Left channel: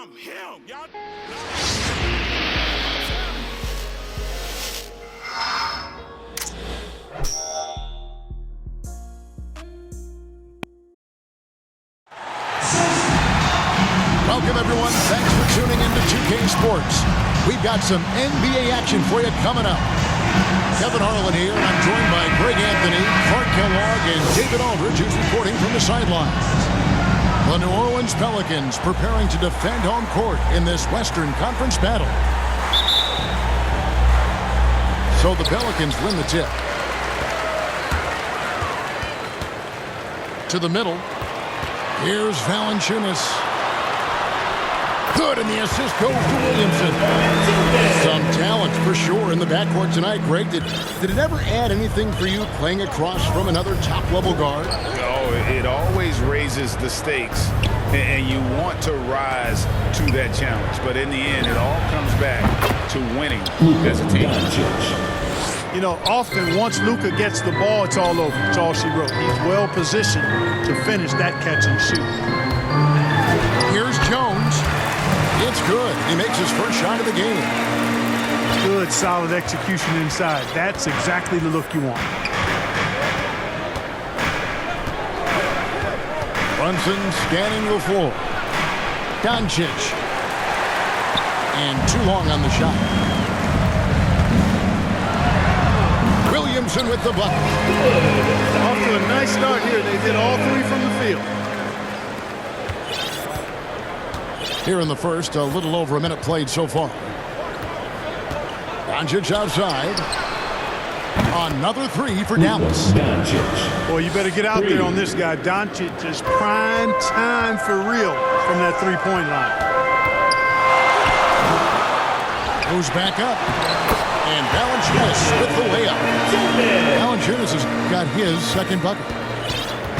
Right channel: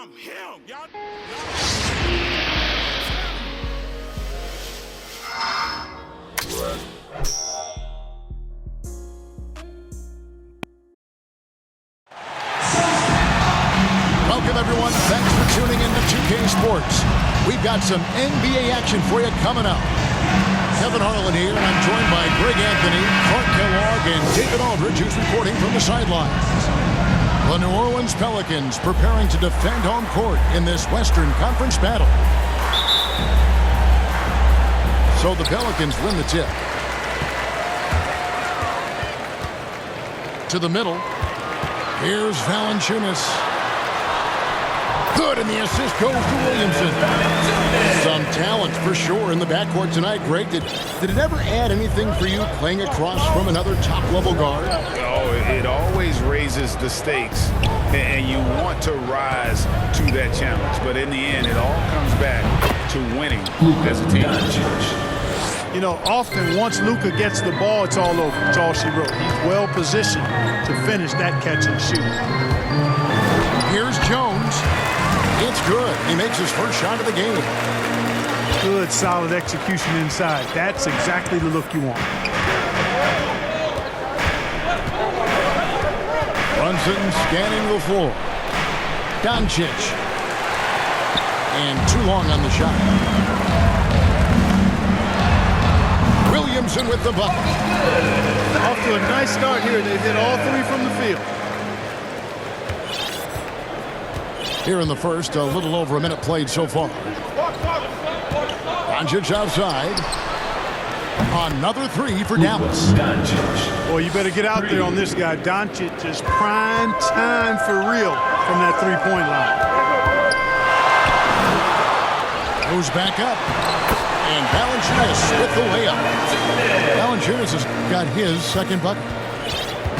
I'm him, y'all. Welcome, everyone. Thanks for tuning in to 2K Sports. We've got some NBA action for you coming up. Kevin Harlan here, and I'm joined by Greg Anthony, Clark Kellogg, and David Aldridge, who's reporting from the sidelines. The New Orleans Pelicans preparing to defend home court in this Western Conference battle. So the Pelicans win the tip. To the middle. Here's Valanciunas. Good, and the assist goes to Williamson. Some talent for sure in the backcourt tonight, Greg. Did it ever add anything for you playing across from another top-level guard? Oh, it always raises the stakes, and you want to rise to that challenge. But in the end, it all comes back to winning as a team. You know, often once Luka gets the ball, it's all over. It's all she wrote. He's well positioned to finish that catch and shoot. Here's Jones. It's good. He makes his first shot of the game. Good, solid execution inside. That's exactly the look you want. Brunson scanning the floor. Doncic. And too long on the shot. Williamson with the bucket. Off to a nice start here. They've hit all three from the field. Here in the first, a little over a minute played so far. Doncic outside. Another three for Dallas. Boy, you better get out there on this guy. Doncic is prime time for real from that three-point line. Goes back up. And Valanciunas with the layup. Valanciunas has got his second bucket.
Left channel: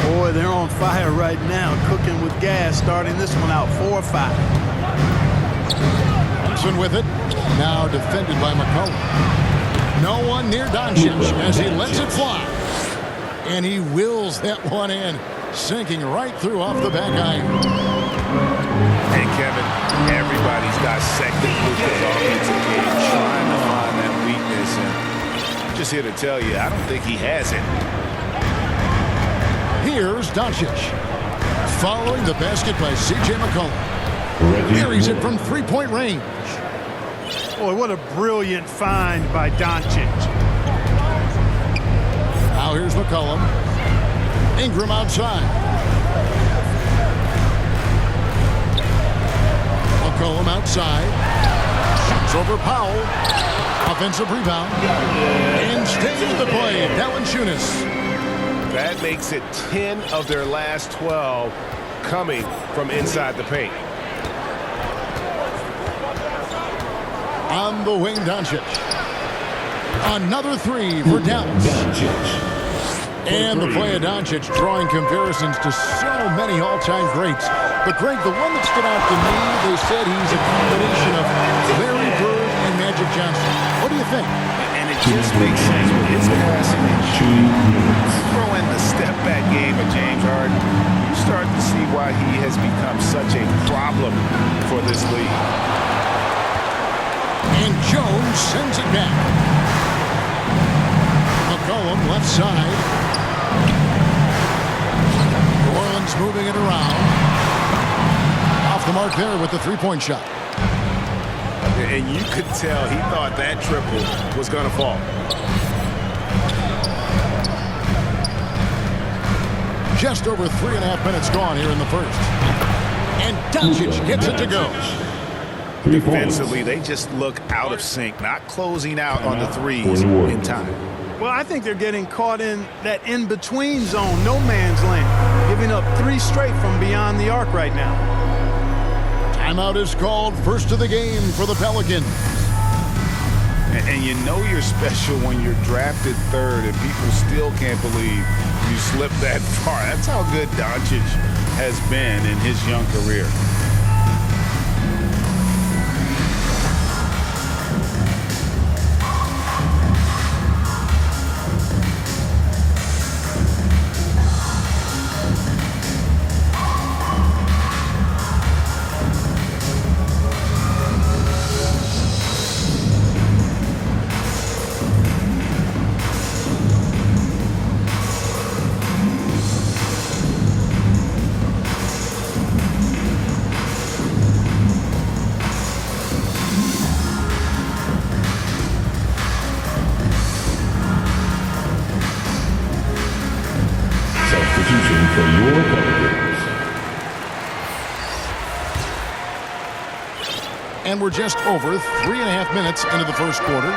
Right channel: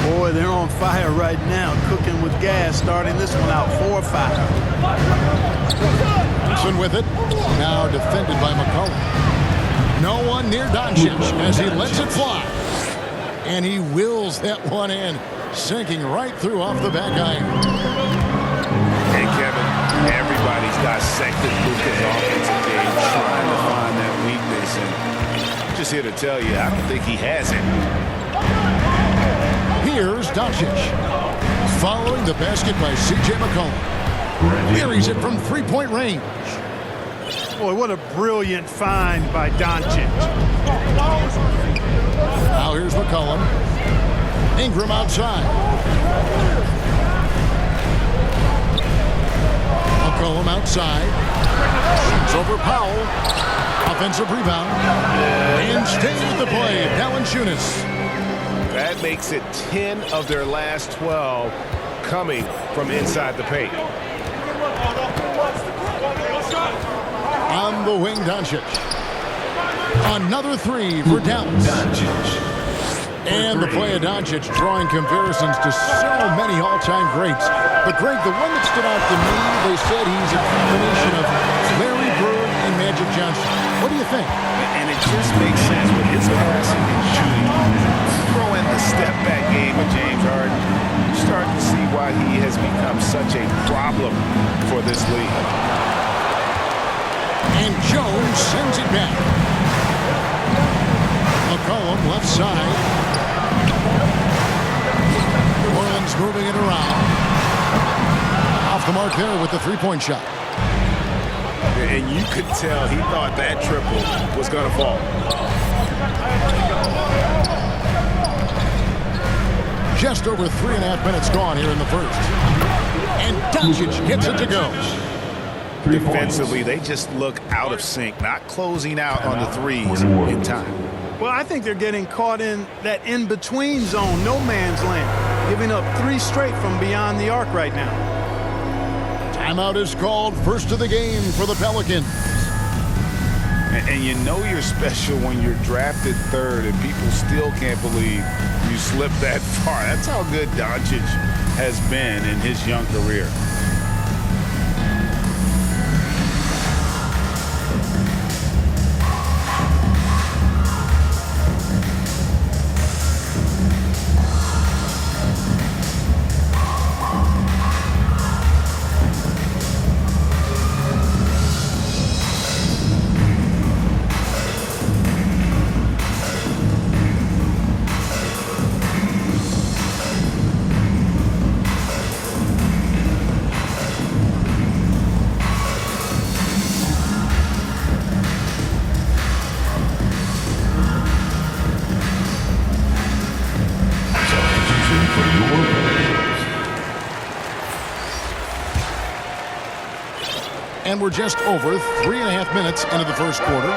Boy, they're on fire right now, cooking with gas, starting this one out 4-5. Brunson with it. Now defended by McCollum. No one near Doncic as he lets it fly. And he wills that one in, sinking right through off the back iron. And Kevin, everybody's dissected Luka's offensive game, trying to find that weakness. And I'm just here to tell you, I don't think he has it. Here's Doncic. Following the basket by C.J. McCollum. Buries it from three-point range. Boy, what a brilliant find by Doncic. Now here's McCollum. Ingram outside. McCollum outside. Shoots over Powell. Offensive rebound. And staying with the play, Valanciunas. That makes it 10 of their last 12 coming from inside the paint. On the wing, Doncic. Another three for Dallas. And the play of Doncic drawing comparisons to so many all-time greats. But, Greg, the one that stood out to me, they said he's a combination of Larry Bird and Magic Johnson. What do you think? And it just makes sense with his passing and shooting. Throw in the step-back game of James Harden. You start to see why he has become such a problem for this league. And Jones sends it back. McCollum left side. New Orleans moving it around. Off the mark there with the three-point shot. And you could tell he thought that triple was going to fall. Just over 3.5 minutes gone here in the first. And Doncic gets it to go. Defensively, they just look out of sync, not closing out on the threes in time. Well, I think they're getting caught in that in-between zone, no man's land, giving up three straight from beyond the arc right now. Timeout is called, first of the game for the Pelicans. And you know you're special when you're drafted third and people still can't believe you slipped that far. That's how good Doncic has been in his young career. And we're just over 3.5 minutes into the first quarter.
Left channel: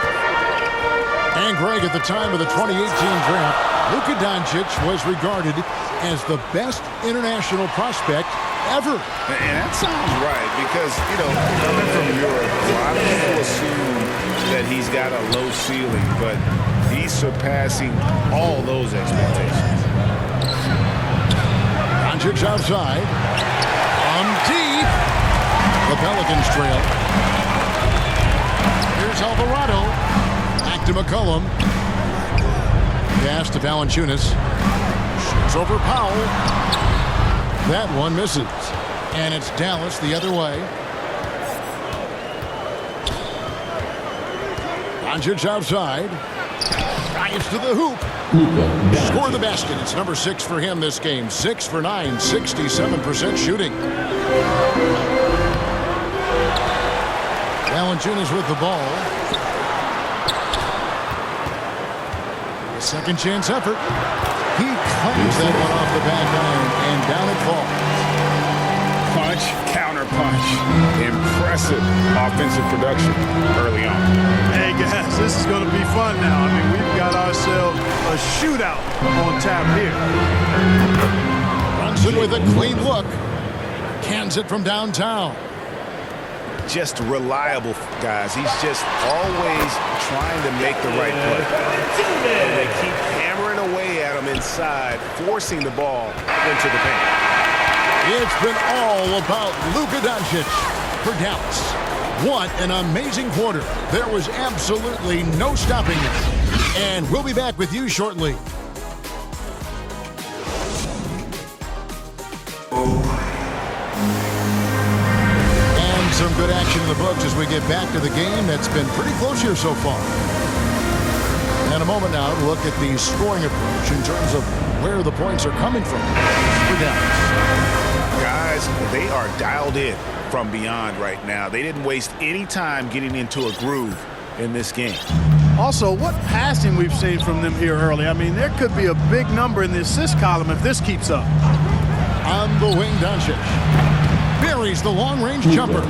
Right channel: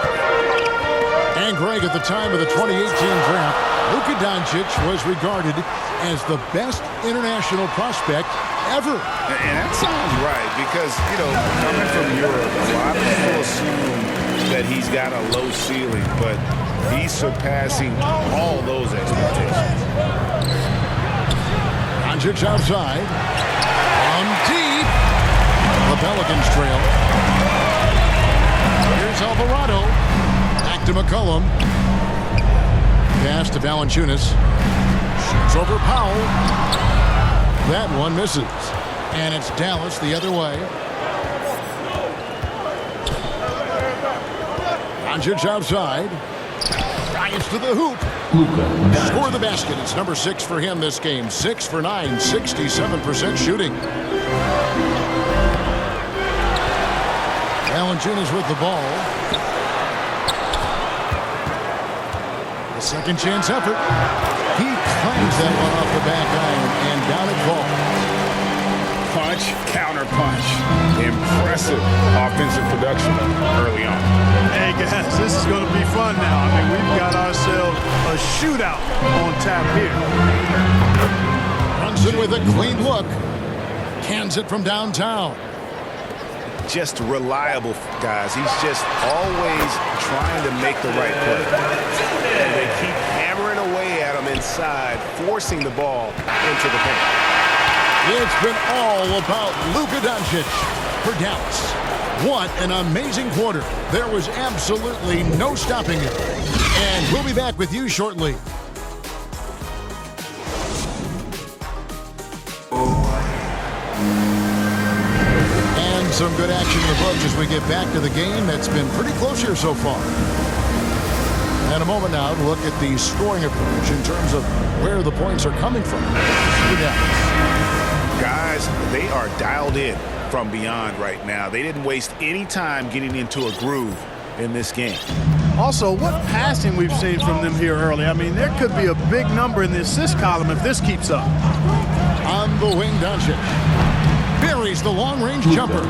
And Greg, at the time of the 2018 draft, Luka Doncic was regarded as the best international prospect ever. And that sounds right because, you know, coming from Europe, a lot of people assume that he's got a low ceiling, but he's surpassing all those expectations. Doncic outside. From deep. The Pelicans trail. Here's Alvarado. Back to McCollum. Pass to Valanciunas. Shoots over Powell. That one misses. And it's Dallas the other way. Doncic outside. Drives to the hoop. Score the basket. It's number 6 for him this game. 6 for 9, 67% shooting. Valanciunas with the ball. The second chance effort. He clangs that one off the back iron, and down it falls. Punch, counter punch. Impressive offensive production early on. Hey, guys, this is going to be fun now. I mean, we've got ourselves a shootout on tap here. Brunson with a clean look. Cans it from downtown. Just reliable, guys. He's just always trying to make the right play. And they keep hammering away at him inside, forcing the ball into the paint. It's been all about Luka Doncic for Dallas. What an amazing quarter. There was absolutely no stopping it. And we'll be back with you shortly. And some good action in the books as we get back to the game that's been pretty close here so far. And a moment now to look at the scoring approach in terms of where the points are coming from for Dallas. Guys, they are dialed in from beyond right now. They didn't waste any time getting into a groove in this game. Also, what passing we've seen from them here early. I mean, there could be a big number in the assist column if this keeps up. On the wing, Doncic buries the long-range jumper.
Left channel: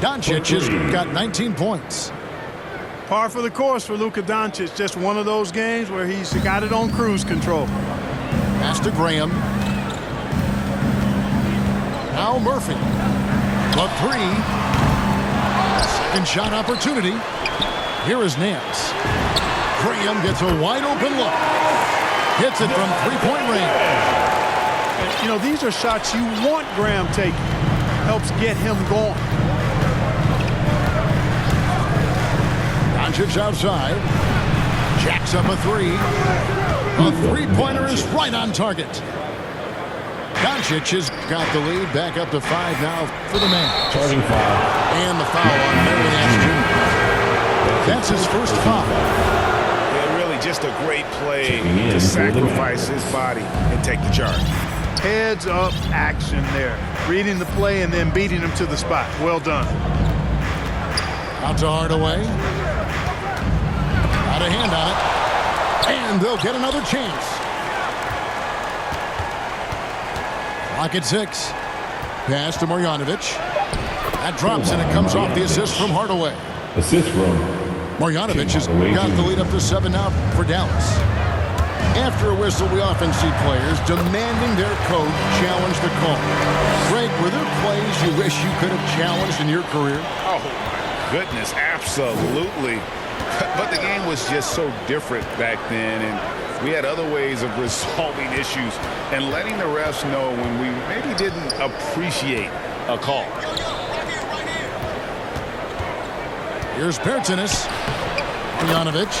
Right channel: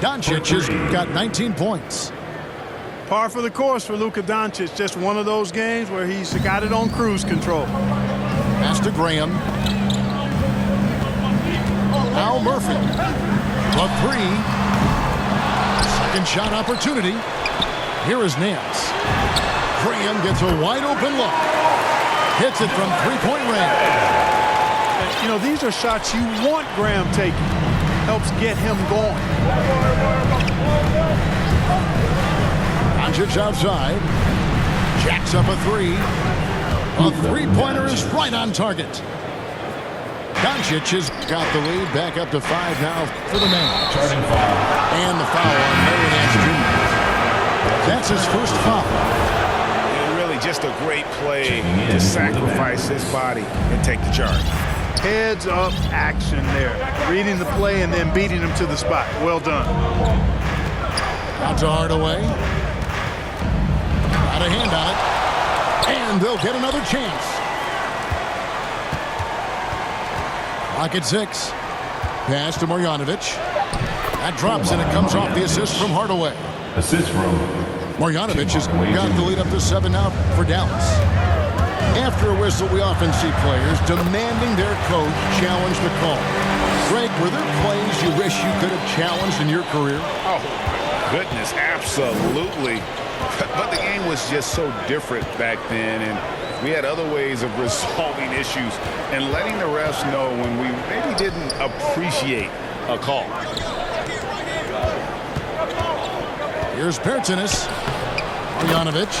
Doncic has got 19 points. Par for the course for Luka Doncic. Just one of those games where he's got it on cruise control. Pass to Graham. Al Murphy. The 3. Second shot opportunity. Here is Nance. Graham gets a wide open look. Hits it from three-point range. You know, these are shots you want Graham taking. Helps get him going. Doncic outside. Jacks up a 3. A three-pointer is right on target. Doncic has got the lead back up to 5 now for the man. Starting foul. And the foul on Larry Nance Jr. That's his first foul. And really just a great play to sacrifice his body and take the charge. Heads up action there. Reading the play and then beating him to the spot. Well done. Out to Hardaway. Got a hand on it. And they'll get another chance. Clock at 6. Pass to Marjanovic. That drops and it comes off the assist from Hardaway. Assist from Marjanovic has got the lead up to 7 now for Dallas. After a whistle, we often see players demanding their coach challenge the call. Greg, were there plays you wish you could have challenged in your career? Oh, my goodness, absolutely. But the game was just so different back then, and we had other ways of resolving issues and letting the refs know when we maybe didn't appreciate a call. Here's Bertanis. Marjanovic.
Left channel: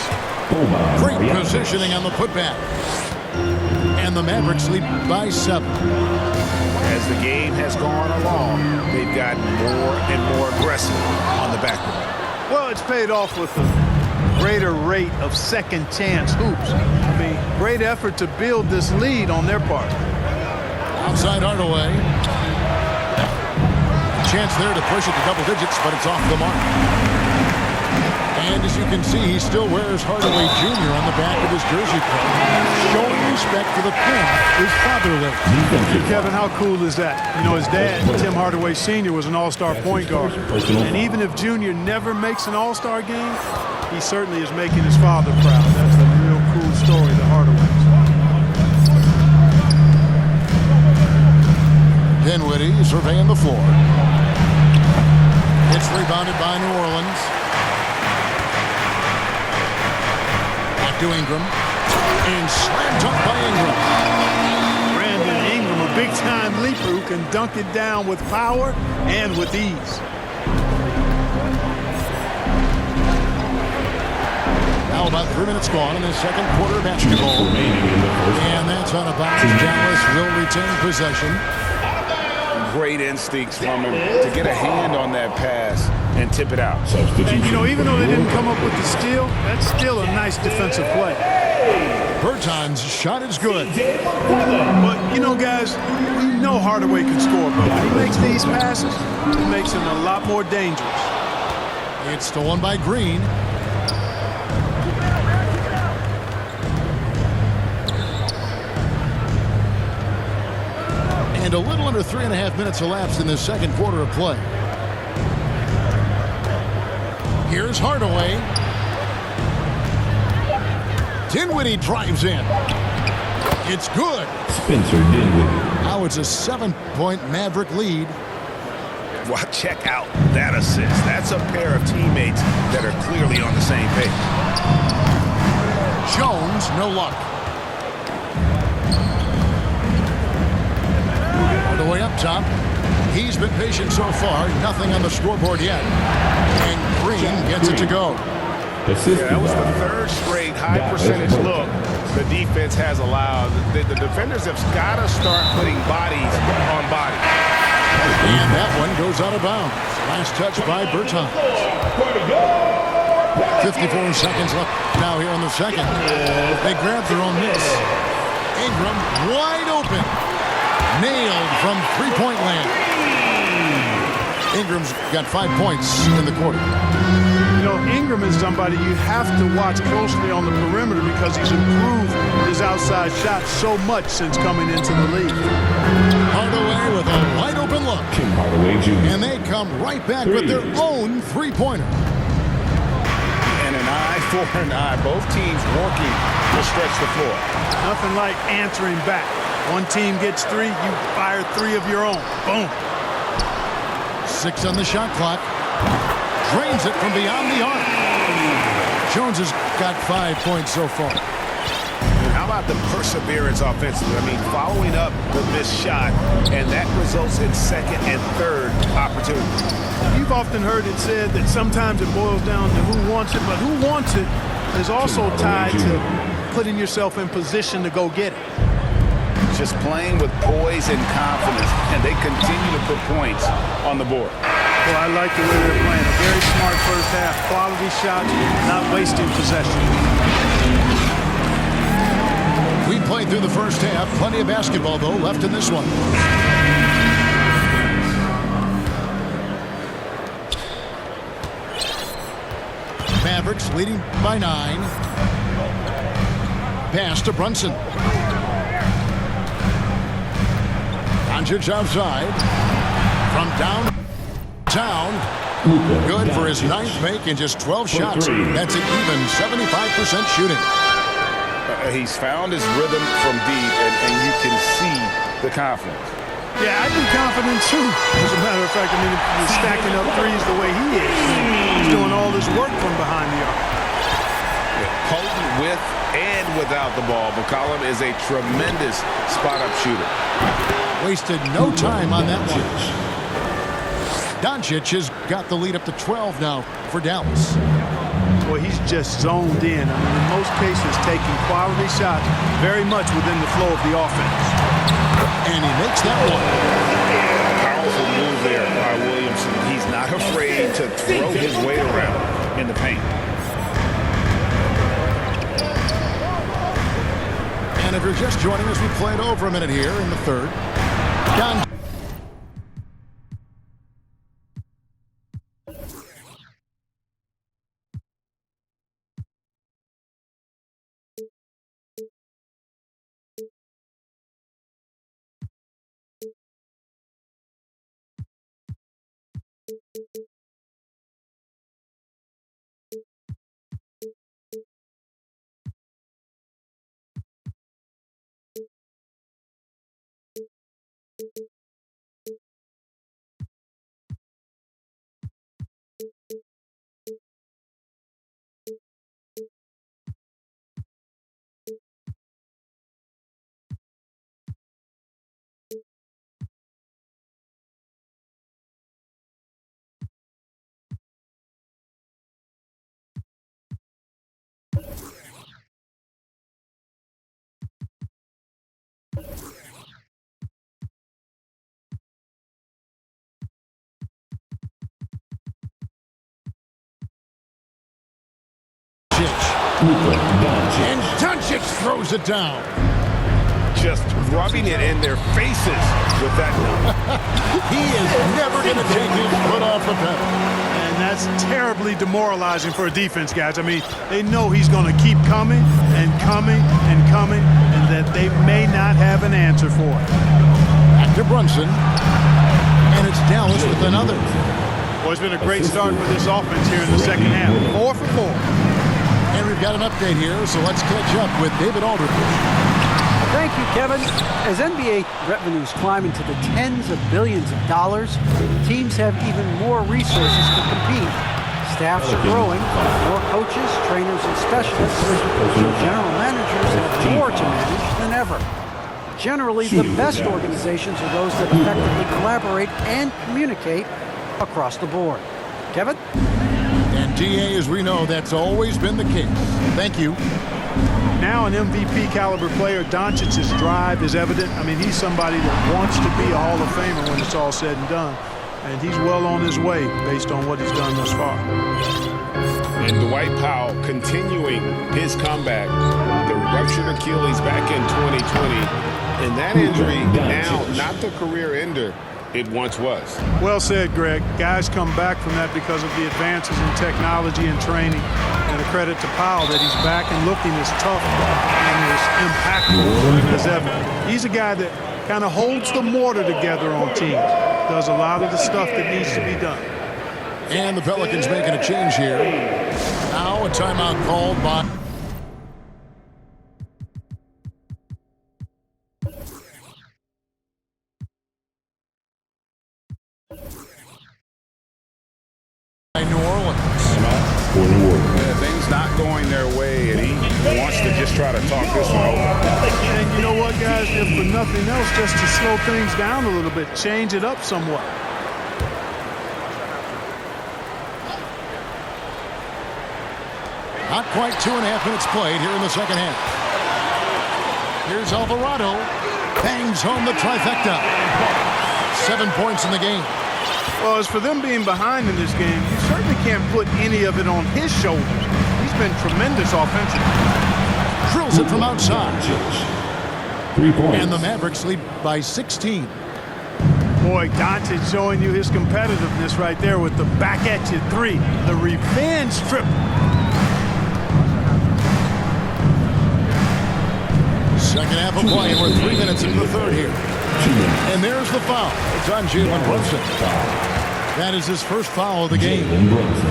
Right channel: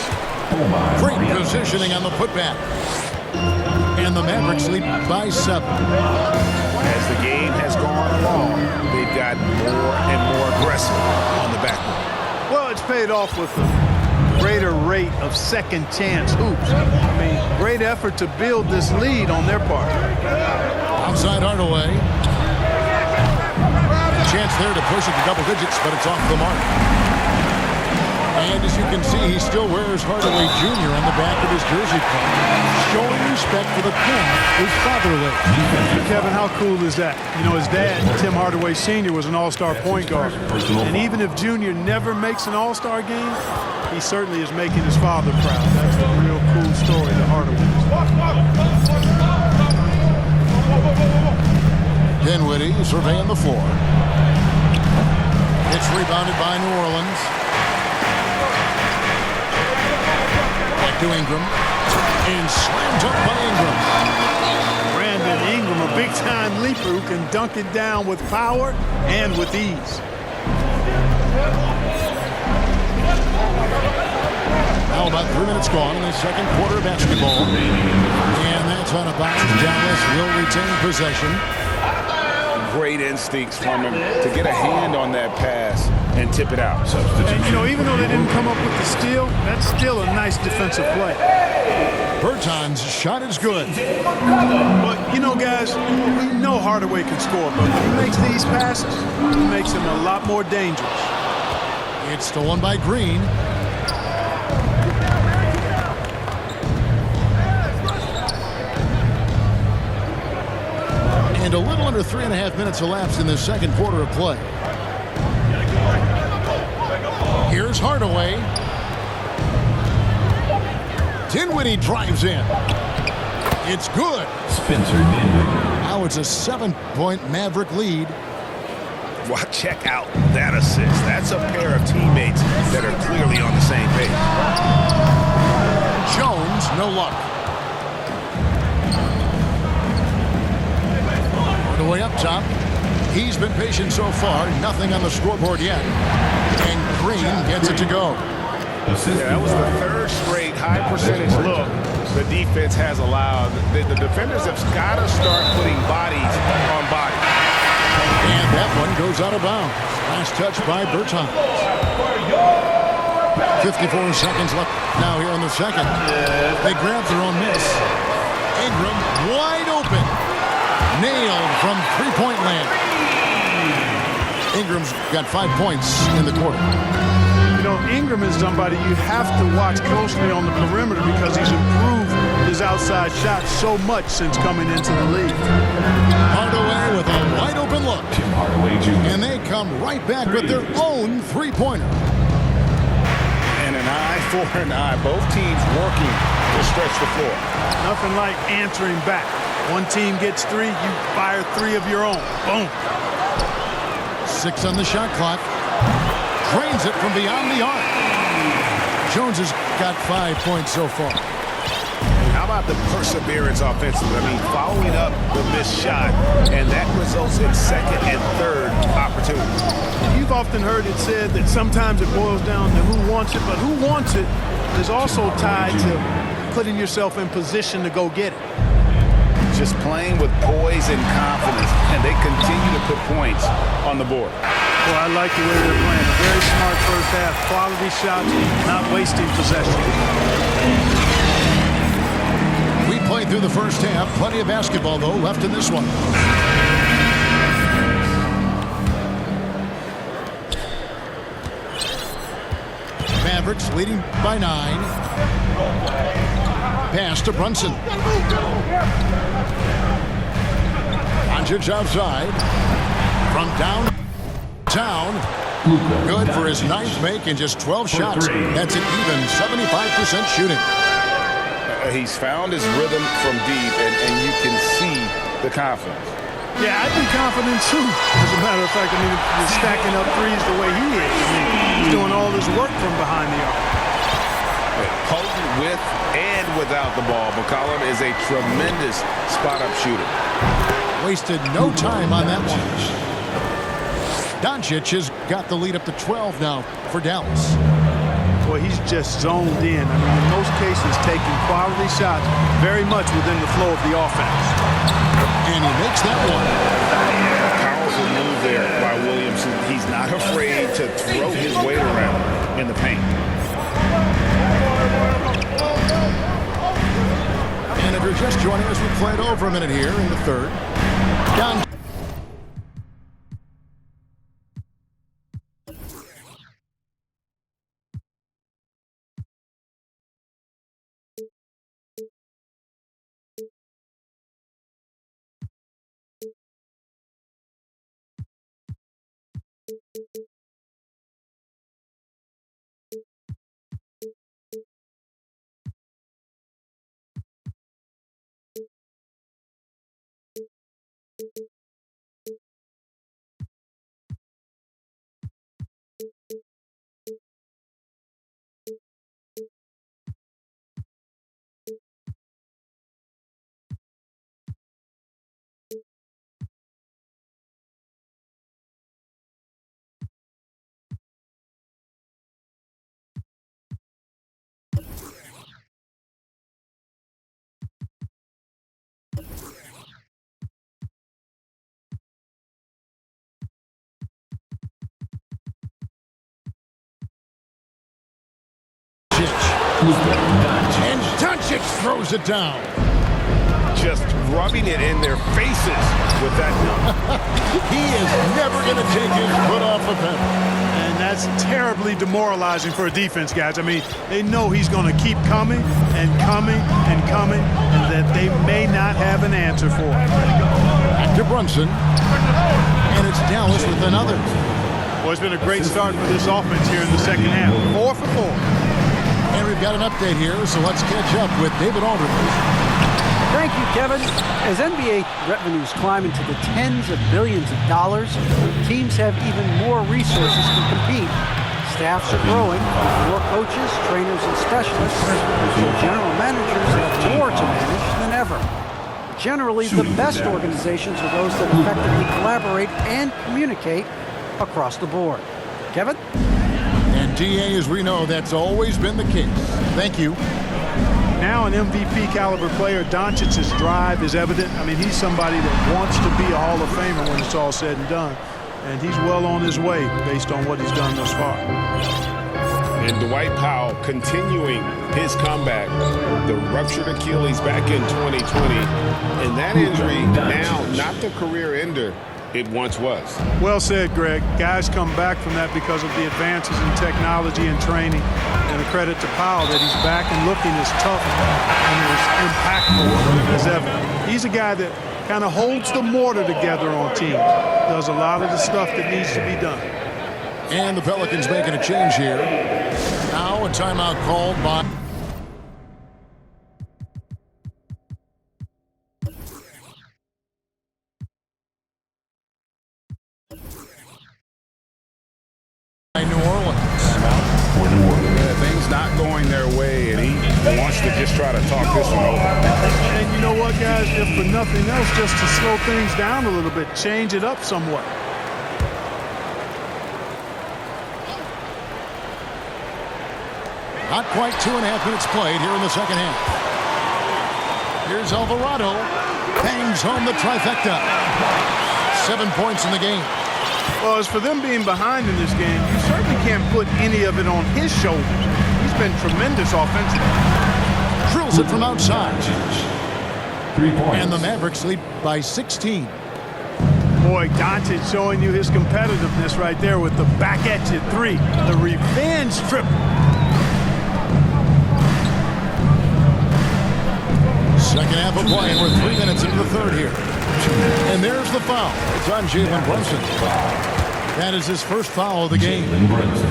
Great positioning on the putback. And the Mavericks lead by 7. As the game has gone along, they've gotten more and more aggressive on the backboard. Well, it's paid off with a greater rate of second chance hoops. I mean, great effort to build this lead on their part. Outside Hardaway. A chance there to push it to double digits, but it's off the mark. And as you can see, he still wears Hardaway Jr. on the back of his jersey card, showing respect for the path his father laid. Kevin, how cool is that? You know, his dad, Tim Hardaway Sr., was an all-star point guard. And even if Junior never makes an all-star game, he certainly is making his father proud. That's a real cool story, the Hardaways. Dinwiddie surveying the floor. It's rebounded by New Orleans. Back to Ingram. And slam dunk by Ingram. Brandon Ingram, a big-time leaper who can dunk it down with power and with ease. Now about 3 minutes gone in the second quarter of basketball. And that's on a bounce. Dallas will retain possession. Great instincts from him to get a hand on that pass and tip it out. And, you know, even though they didn't come up with the steal, that's still a nice defensive play. Berton's shot is good. But, you know, guys, we know Hardaway can score, but when he makes these passes, it makes him a lot more dangerous. It's stolen by Green. And a little under 3.5 minutes elapsed in the second quarter of play. Here's Hardaway. Dinwiddie drives in. It's good. Spencer Dinwiddie. Now it's a 7-point Maverick lead. Well, check out that assist. That's a pair of teammates that are clearly on the same page. Jones, no luck. Hardaway up top. He's been patient so far. Nothing on the scoreboard yet. And Green gets it to go. Yeah, that was the third straight high-percentage look the defense has allowed. The defenders have got to start putting bodies on bodies. And that one goes out of bounds. Last touch by Bertans. 54 seconds left now here in the second. They grab their own miss. Ingram wide open. Nailed from three-point land. Ingram's got 5 points in the quarter. You know, Ingram is somebody you have to watch closely on the perimeter because he's improved his outside shot so much since coming into the league. Hardaway with a wide open look. Tim Hardaway Jr. And they come right back with their own three-pointer. And an eye for an eye. Both teams working to stretch the floor. Nothing like answering back. One team gets three, you fire three of your own. Boom. 6 on the shot clock. Drains it from beyond the arc. Jones has got 5 points so far. And how about the perseverance offensively? I mean, following up the missed shot, and that results in second and third opportunities. You've often heard it said that sometimes it boils down to who wants it, but who wants it is also tied to putting yourself in position to go get it. Just playing with poise and confidence, and they continue to put points on the board. Well, I like the way they're playing. A very smart first half. Quality shots, not wasting possession. We played through the first half. Plenty of basketball, though, left in this one. Mavericks leading by 9. Pass to Brunson. Doncic outside. From downtown. Luka Good for his Doncic. 9th make in just 12 shots. three. That's an even 75% shooting. He's found his rhythm from deep, and you can see the confidence. Yeah, I'd be confident too. As a matter of fact, I mean, if you're stacking up threes the way he is, I mean, he's doing all this work from behind the arc. Potent with and without the ball, McCollum is a tremendous spot-up shooter. Wasted no time on that one. Doncic has got the lead up to 12 now for Dallas. Boy, he's just zoned in. I mean, in most cases, taking quality shots very much within the flow of the offense. And he makes that one. Powerful move there by Williamson. He's not afraid to throw his weight around in the paint. And if you're just joining us, we played over a minute here in the third. Down Doncic. Luka Doncic. And Doncic throws it down. Just rubbing it in their faces with that dunk. He is never going to take his foot off the pedal. And that's terribly demoralizing for a defense, guys. I mean, they know he's going to keep coming and coming and coming, and that they may not have an answer for it. Back to Brunson. And it's Dallas with another. Well, it's been a great start for this offense here in the second half. 4 for 4. And we've got an update here, so let's catch up with David Aldridge. Thank you, Kevin. As NBA revenues climb into the tens of billions of dollars, teams have even more resources to compete. Staffs are growing with more coaches, trainers, and specialists, so general managers have more to manage than ever. Generally, the best organizations are those that effectively collaborate and communicate across the board. Kevin? And DA, as we know, that's always been the case. Thank you. Now an MVP caliber player, Doncic's drive is evident. I mean, he's somebody that wants to be a Hall of Famer when it's all said and done. And he's well on his way based on what he's done thus far. And Dwight Powell continuing his comeback. The ruptured Achilles back in 2020. And that injury now not the career ender it once was. Well said, Greg. Guys come back from that because of the advances in technology and training. And a credit to Powell that he's back and looking as tough and as impactful as ever. He's a guy that kind of holds the mortar together on teams. Does a lot of the stuff that needs to be done. And the Pelicans making a change here. Now a timeout called by... New Orleans. For New Orleans. Yeah, things not going their way, and he wants to just try to talk this one over. And you know what, guys? If for nothing else, just to slow things down a little bit, change it up somewhat. Not quite 2.5 minutes played here in the second half. Here's Alvarado. Bangs home the trifecta. 7 points in the game. Well, as for them being behind in this game, you certainly can't put any of it on his shoulders. He's been tremendous offensively. Drills it from outside. 3 points. And the Mavericks lead by 16. Boy, Doncic showing you his competitiveness right there with the back at you three. The revenge trip. Second half of play, and we're 3 minutes into the third here. 2 minutes. And there's the foul. It's on Jalen Brunson. That is his first foul of the game. Jalen Brunson.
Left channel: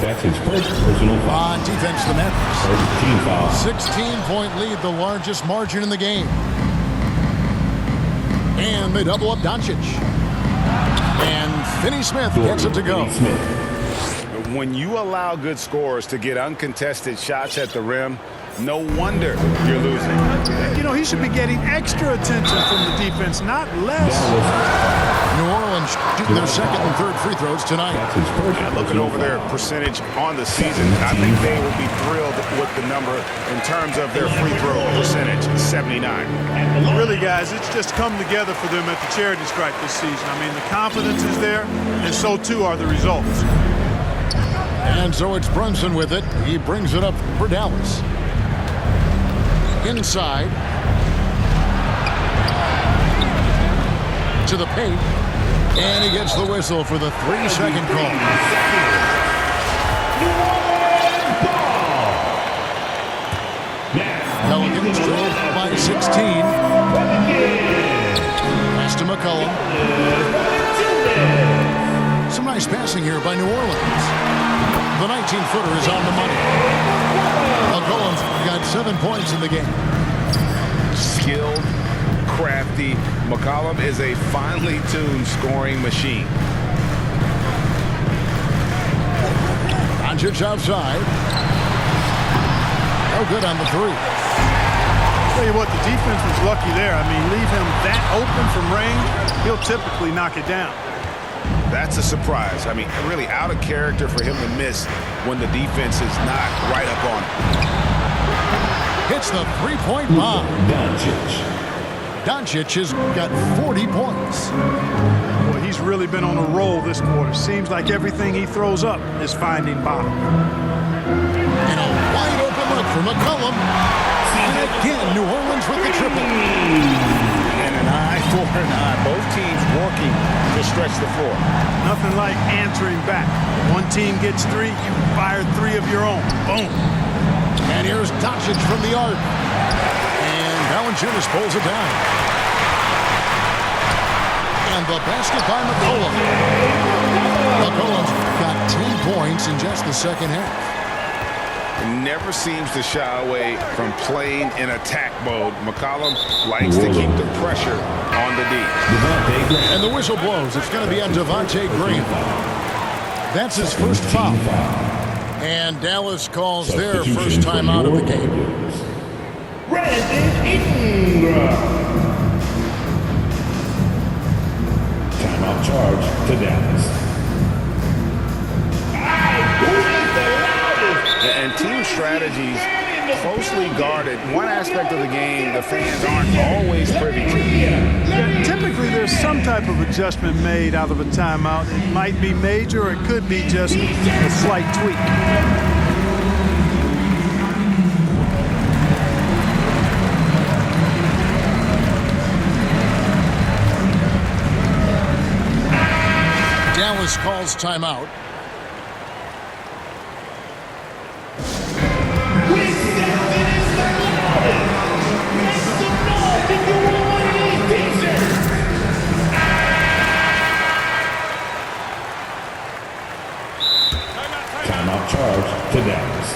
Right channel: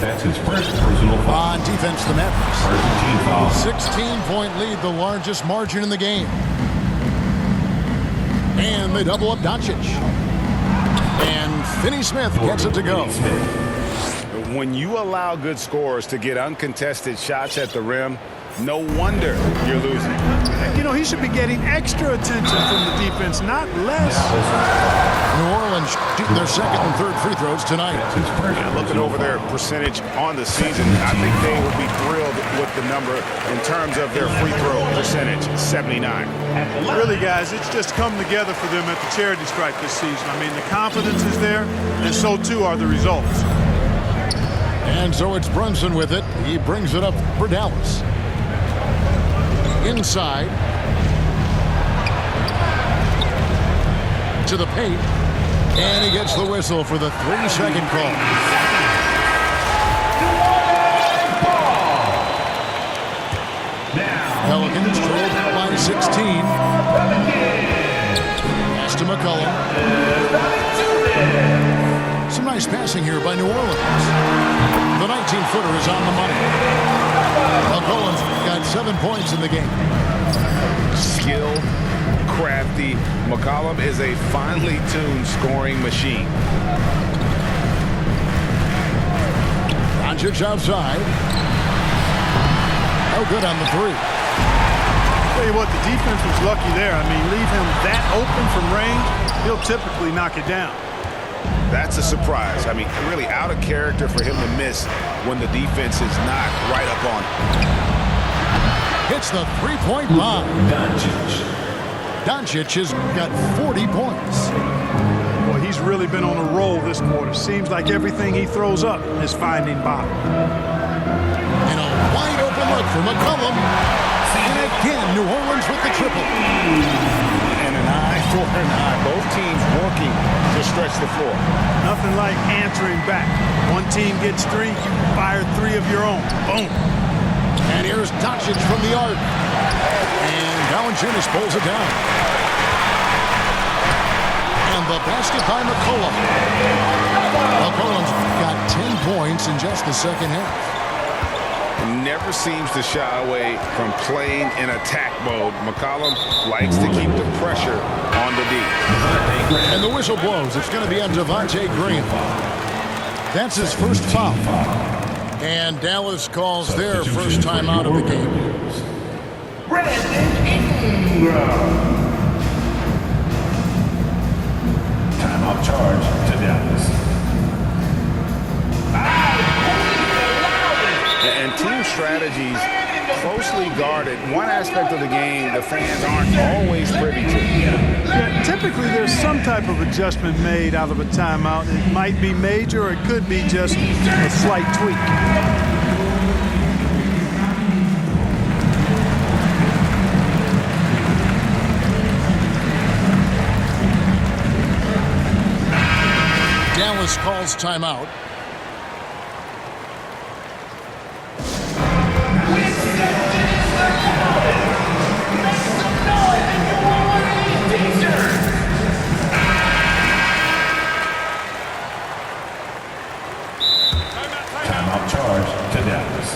That's his first personal foul. On defense, the Mavericks. First team foul. 16-point lead, the largest margin in the game. And they double up Doncic. And Finney Smith gets it to go. When you allow good scorers to get uncontested shots at the rim, no wonder you're losing. You know, he should be getting extra attention from the defense, not less. New Orleans shooting their second and third free throws tonight. That's his first. Yeah, looking over their percentage on the season, I think they will be thrilled with the number in terms of their free throw percentage, 79. Really, guys, it's just come together for them at the charity stripe this season. I mean, the confidence is there, and so too are the results. And so it's Brunson with it. He brings it up for Dallas. Inside. To the paint. And he gets the whistle for the 3-second call. Pelicans trailed by 16. Pass to McCollum. Some nice passing here by New Orleans. The 19-footer is on the money. McCollum's got 7 points in the game. Skilled, crafty. McCollum is a finely tuned scoring machine. Doncic outside. No good on the three. Tell you what, the defense was lucky there. I mean, leave him that open from range, he'll typically knock it down. That's a surprise. I mean, really out of character for him to miss when the defense is not right up on him. Hits the three-point bomb. Doncic. Doncic has got 40 points. Boy, he's really been on a roll this quarter. Seems like everything he throws up is finding bottom. And Look for McCollum. And again, New Orleans with the triple. And an eye for an eye. Both teams working to stretch the floor. Nothing like answering back. One team gets 3, you fire 3 of your own. Boom. And here's Doncic from the arc. And Valanciunas pulls it down. And the basket by McCollum. McCollum's got 10 points in just the second half. Never seems to shy away from playing in attack mode. McCollum likes to keep the pressure on the D. And the whistle blows. It's going to be on Devontae Green. That's his first foul. And Dallas calls their first time out of the game. Brandon Ingram. Timeout charge to Dallas. And team strategies closely guarded. One aspect of the game the fans aren't always privy to. Yeah, typically there's some type of adjustment made out of a timeout. It might be major or it could be just a slight tweak. Dallas calls timeout. Timeout charge to Dallas.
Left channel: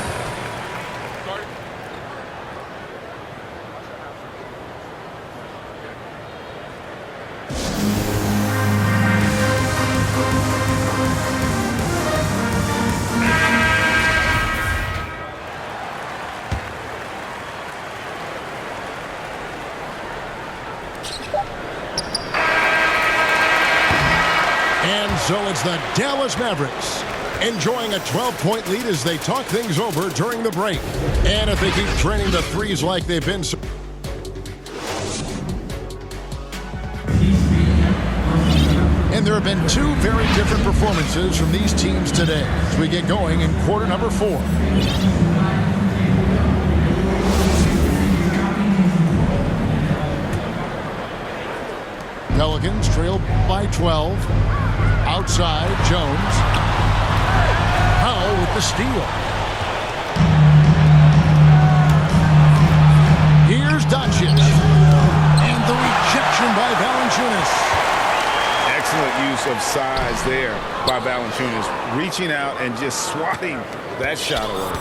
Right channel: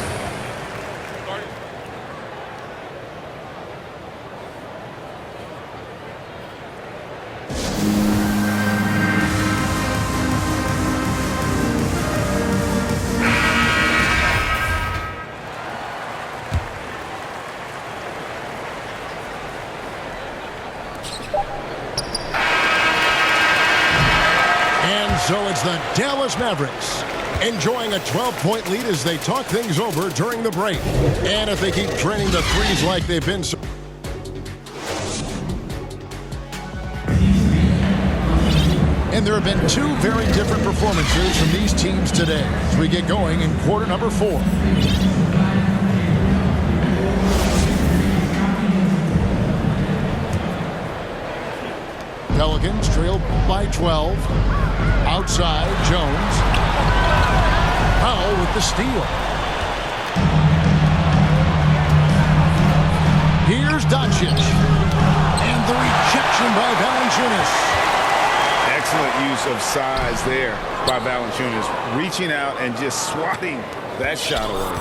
And so it's the Dallas Mavericks enjoying a 12-point lead as they talk things over during the break. And if they keep training the threes like they've been so and there have been 2 very different performances from these teams today as we get going in quarter number 4. Pelicans trail by 12. Outside, Jones. Powell with the steal. Here's Doncic. And the rejection by Valanciunas. Excellent use of size there by Valanciunas, reaching out and just swatting that shot away.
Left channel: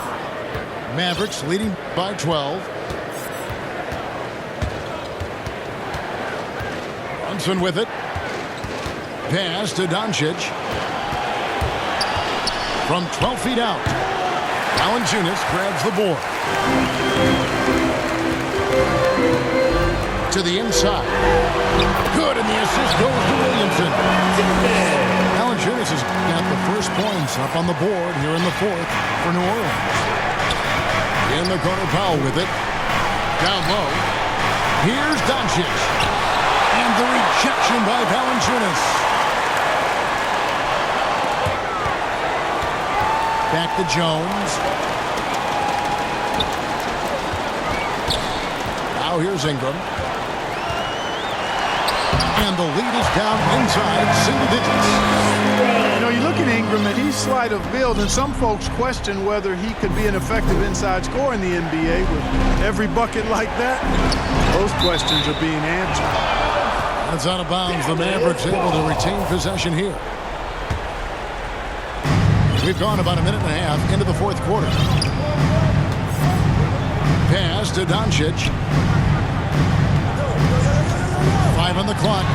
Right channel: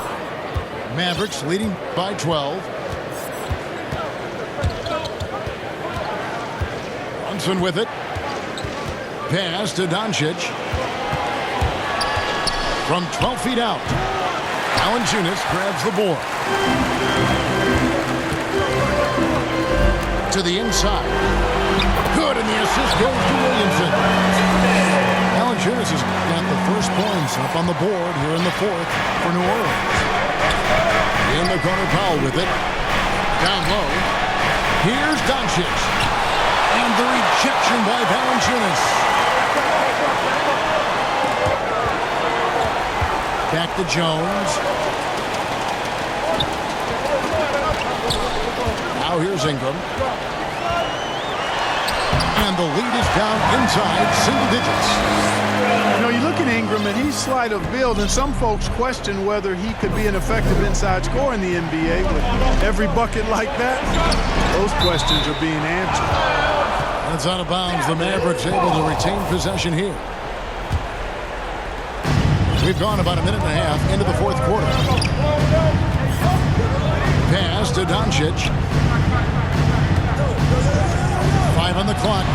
Mavericks leading by 12. Brunson with it. Pass to Doncic. From 12 feet out. Valanciunas grabs the board. To the inside. Good, and the assist goes to Williamson. Valanciunas has got the first points up on the board here in the 4th for New Orleans. In the corner, Powell with it. Down low. Here's Doncic. And the rejection by Valanciunas. Back to Jones. Now here's Ingram. And the lead is down inside single digits. You know, you look at Ingram and he's slight of build, and some folks question whether he could be an effective inside scorer in the NBA with every bucket like that. Those questions are being answered. And it's out of bounds. The Mavericks able to retain possession here. We've gone about a minute and a half into the 4th quarter. Pass to Doncic. 5 on the clock.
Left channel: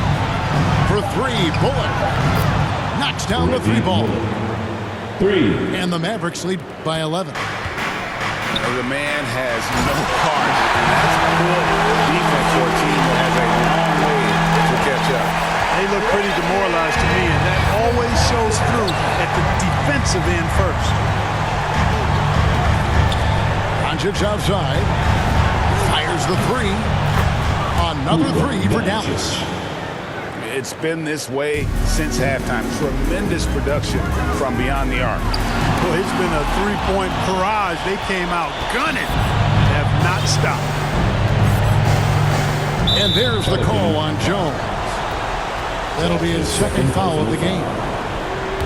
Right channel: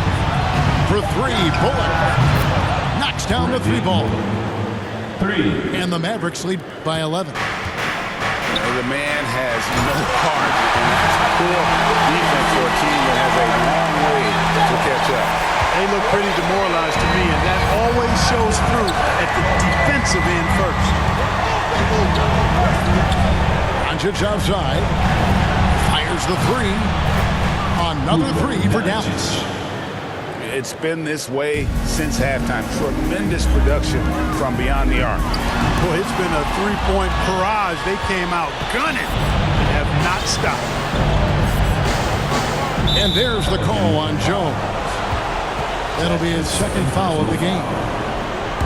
For 3, Bullock. Knocks down the 3 ball. 3. And the Mavericks lead by 11. The man has no heart, and that's poor defense for a team that has a long way to catch up. They look pretty demoralized to me, and that always shows through at the defensive end first. Doncic outside. Fires the 3. Another 3 for Dallas. It's been this way since halftime. Tremendous production from beyond the arc. Boy, it's been a three-point barrage. They came out gunning and have not stopped. And there's the call on Jones. That'll be his second foul of the game.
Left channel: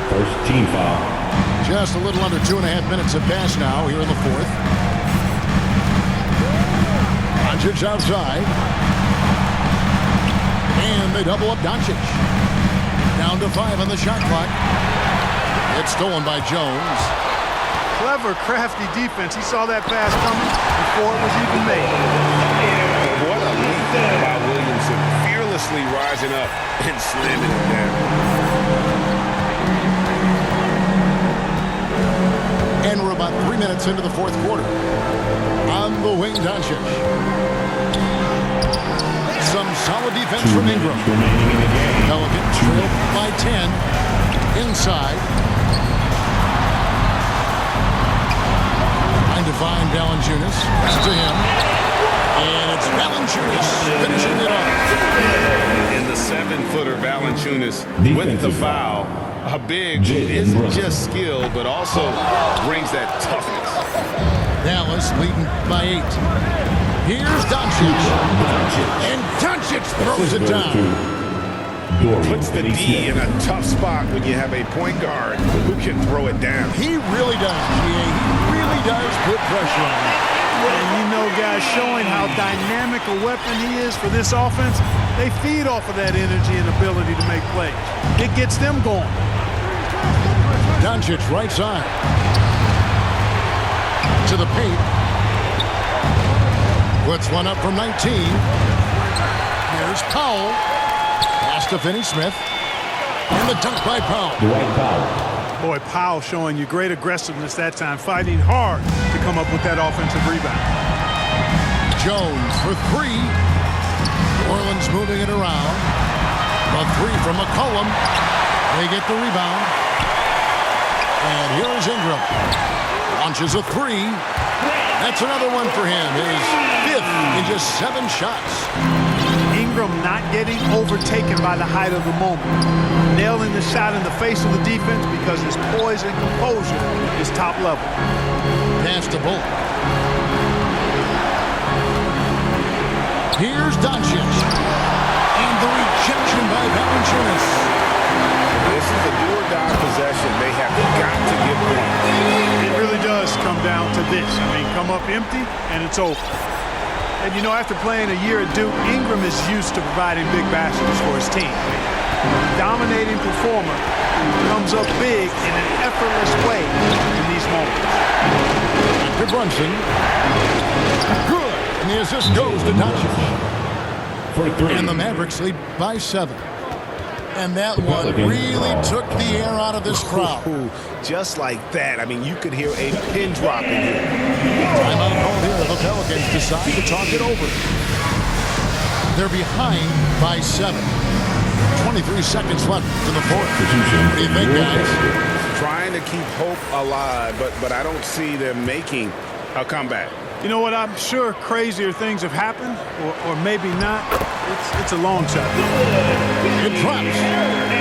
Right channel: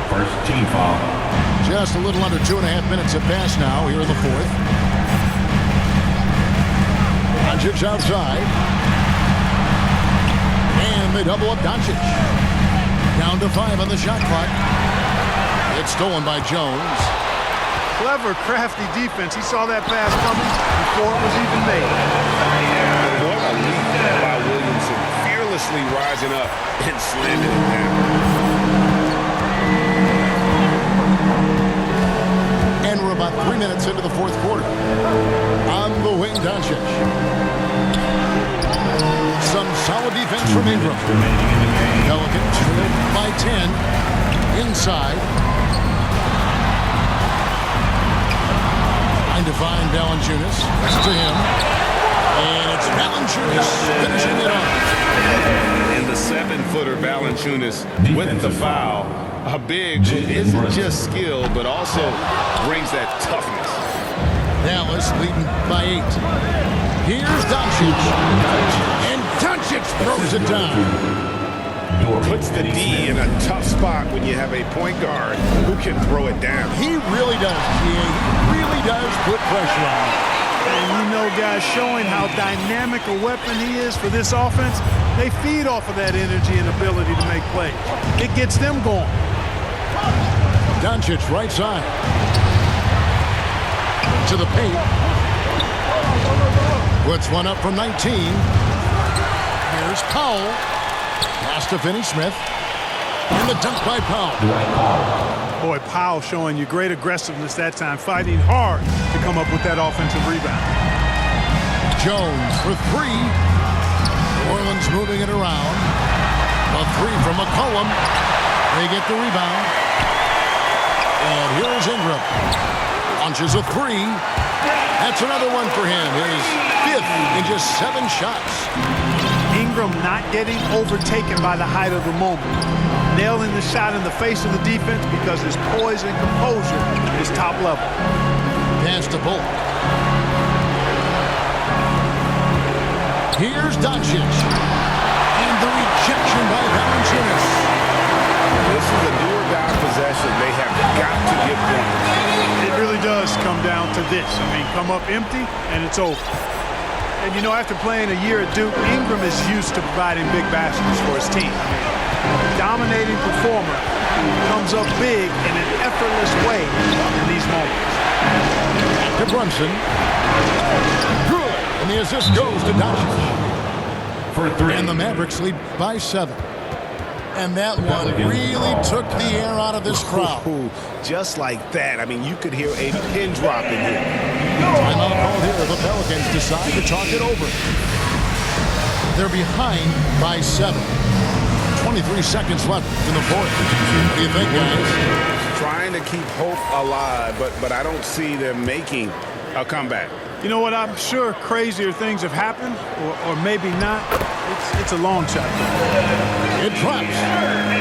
First team foul. Just a little under 2.5 minutes have passed now here in the fourth. Doncic outside. And they double up Doncic. Down to 5 on the shot clock. It's stolen by Jones. Clever, crafty defense. He saw that pass coming before it was even made. What a leap by Williamson, fearlessly rising up and slamming it down. And we're about 3 minutes into the fourth quarter. On the wing, Doncic. Some solid defense from Ingram. Remaining in the game. Pelicans trail by 10. Inside. Trying to find Valanciunas. Next to him. And it's Valanciunas finishing it off. And the 7-footer Valanciunas with the foul. A big who isn't just skill, but also brings that toughness. Dallas leading by 8. Here's Doncic. And Doncic throws it down. Puts the D in a tough spot when you have a point guard who can throw it down. He really does, GA. He really does put pressure on him. And you know, guys, showing how dynamic a weapon he is for this offense, they feed off of that energy and ability to make plays. It gets them going. Doncic right side. To the paint. Puts one up from 19. Here's Powell. Pass to Finney-Smith. And the dunk by Powell. Dwight Powell. Boy, Powell showing you great aggressiveness that time, fighting hard to come up with that offensive rebound. Jones for 3. New Orleans moving it around. A 3 from McCollum. They get the rebound. And here is Ingram. Launches a 3. That's another one for him. His 5th in just 7 shots. Ingram not getting overtaken by the height of the moment. Nailing the shot in the face of the defense because his poise and composure is top level. Pass to Bullock. Here's Doncic. And the rejection by Valanciunas. This is a do-or-die possession. They have got to get points. It really does come down to this. I mean, come up empty, and it's over. And, you know, after playing a year at Duke, Ingram is used to providing big baskets for his team. I mean, dominating performer who comes up big in an effortless way in these moments. Back to Brunson. Good. And the assist goes to Doncic. For 3. And the Mavericks lead by 7. And that one really took the air out of this crowd. Ooh, just like that. I mean, you could hear a pin drop in here. Timeout called here. The Pelicans decide to talk it over. They're behind by 7. 23 seconds left in the fourth. What do you think, guys? Trying to keep hope alive, but I don't see them making a comeback. You know what? I'm sure crazier things have happened, or maybe not. It's a long shot, though. It drops.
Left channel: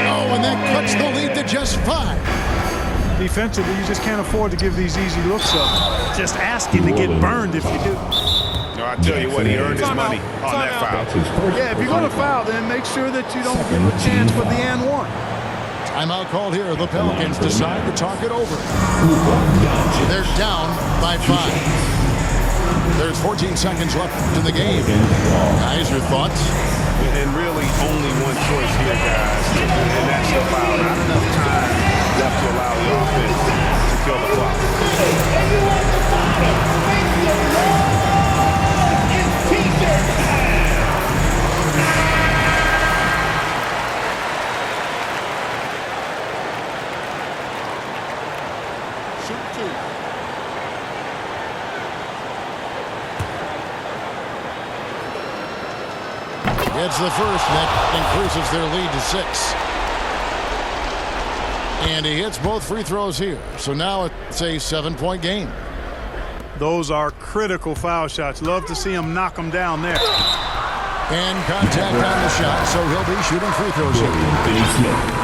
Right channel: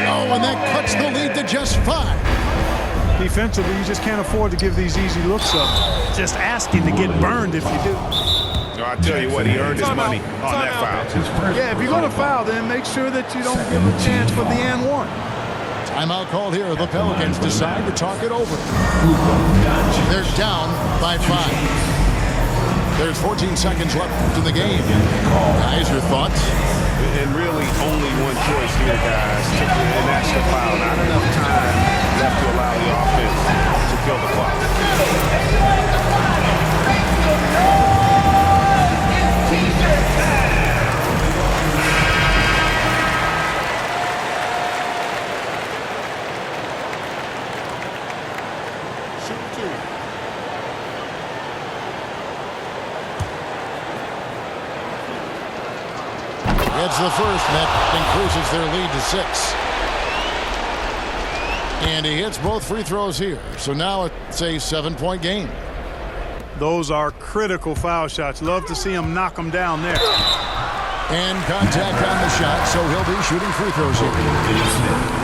Oh, and that cuts the lead to just 5. Defensively, you just can't afford to give these easy looks up. Just asking to get burned if you do. No, I tell you what, he earned his money on that foul. Yeah, if you're going to foul, then make sure that you don't give a chance for the and one. Timeout called here. The Pelicans decide to talk it over. They're down by 5. There's 14 seconds left in the game. Guys, your thoughts? And really only one choice here, guys, and that's the foul. Not enough time left to allow the offense to kill the clock. Shoot 2. It's the first, and that increases their lead to 6. And he hits both free throws here. So now it's a 7-point game. Those are critical foul shots. Love to see him knock them down there. And contact on the shot, so he'll be shooting free throws here.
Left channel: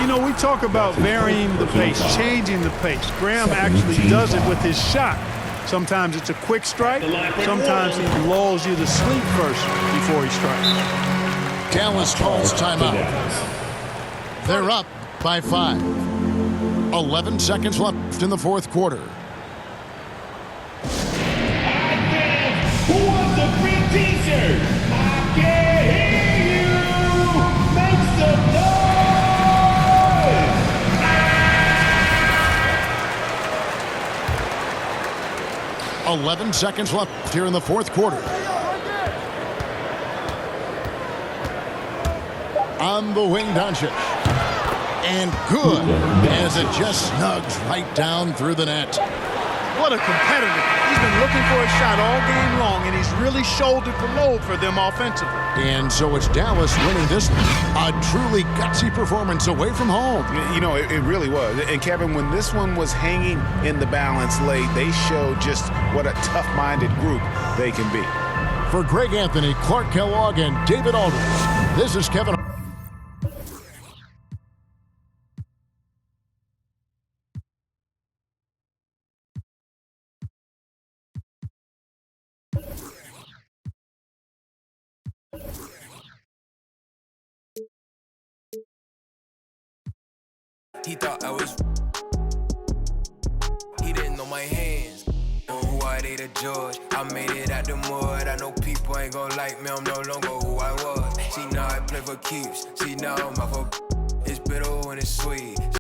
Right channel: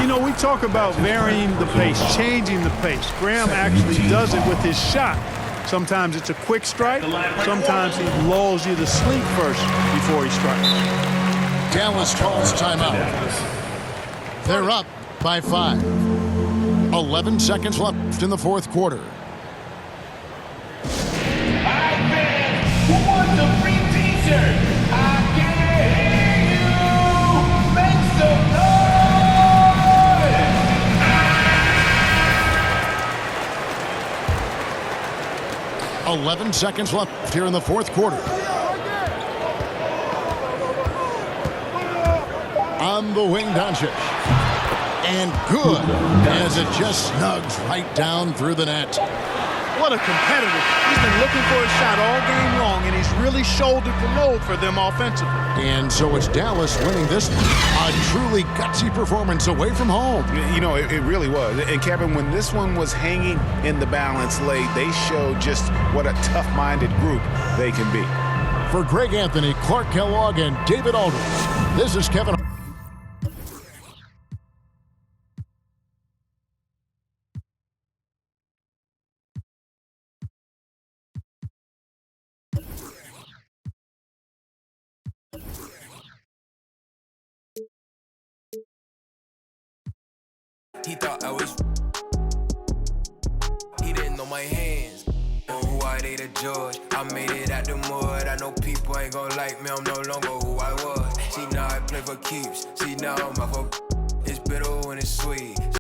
You know, we talk about varying the pace, changing the pace. Graham actually does it with his shot. Sometimes it's a quick strike. Sometimes he lulls you to sleep first before he strikes. Dallas calls timeout. They're up by 5. 11 seconds left in the fourth quarter. All right, fans, who wants a free t-shirt? I can't hear you. Make some noise. 11 seconds left here in the fourth quarter. On the wing, Doncic. And good, as it just snugs right down through the net. What a competitor. He's been looking for a shot all game long, and he's really shouldered the load for them offensively. And so it's Dallas winning this, a truly gutsy performance away from home. You know, it really was. And Kevin, when this one was hanging in the balance late, they showed just what a tough-minded group they can be. For Greg Anthony, Clark Kellogg, and David Aldridge, this is Kevin. He thought I was. He didn't know my hands. Or who I they the judge. I made it out the mud. I know people ain't gon' like me. I'm no longer who I was. See now I play for keeps. See now I'm out for. It's bitter when it's sweet.